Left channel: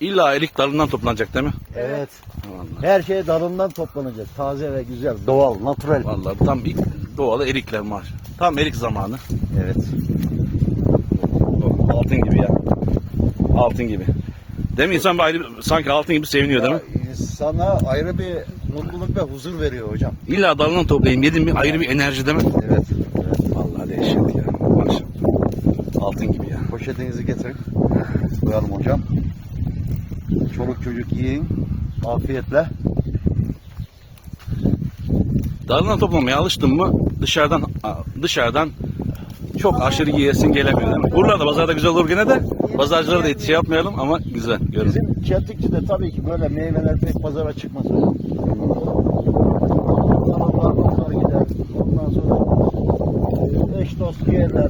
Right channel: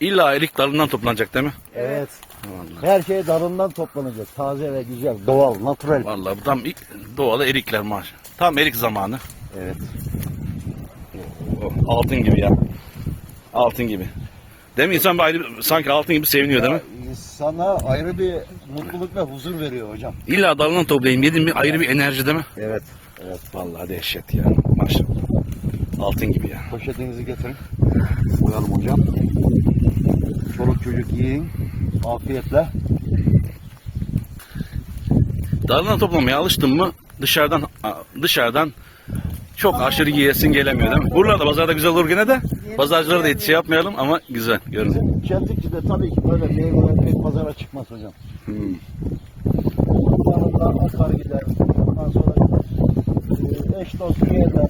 İlla erik dalından toplanacak değil mi? Evet. Vallahi. Her şey dalından toplanacak. Taze ve güzel. Doğal, natural. Vallahi bu tam ilk doğalı erikler maaş. Tam erik zamanı. Evet. O, altın gibi ya. Altın gibi. Değil mi? İnsan bir ayrı, sanki altın gibi seviniyor değil mi? Sana ayrı bir mutluluk ve huzur veriyor hocam. İlla dalından toplayayım. Yedim mi ayrı bir enerji değil mi? Evet. evet. Vallahi dehşet ya. Maşallah. Altın gibi ya. Poşetinizi getirin. Koyalım hocam. Çoluk çocuk yiyin. Afiyetle. Dalından toplamaya alıştın mı dışarıdan dışarıdan çok aşırı yiyesin gelemiyor değil mi? Buralarda pazarda güzel olur gene de pazarcılara da şey yapmayalım ama güzel görün. Bizim çeltikçide tabii ki böyle meyveler pek pazara çıkmaz. Ondan gider. Ondan sonra e, eş dost yerler.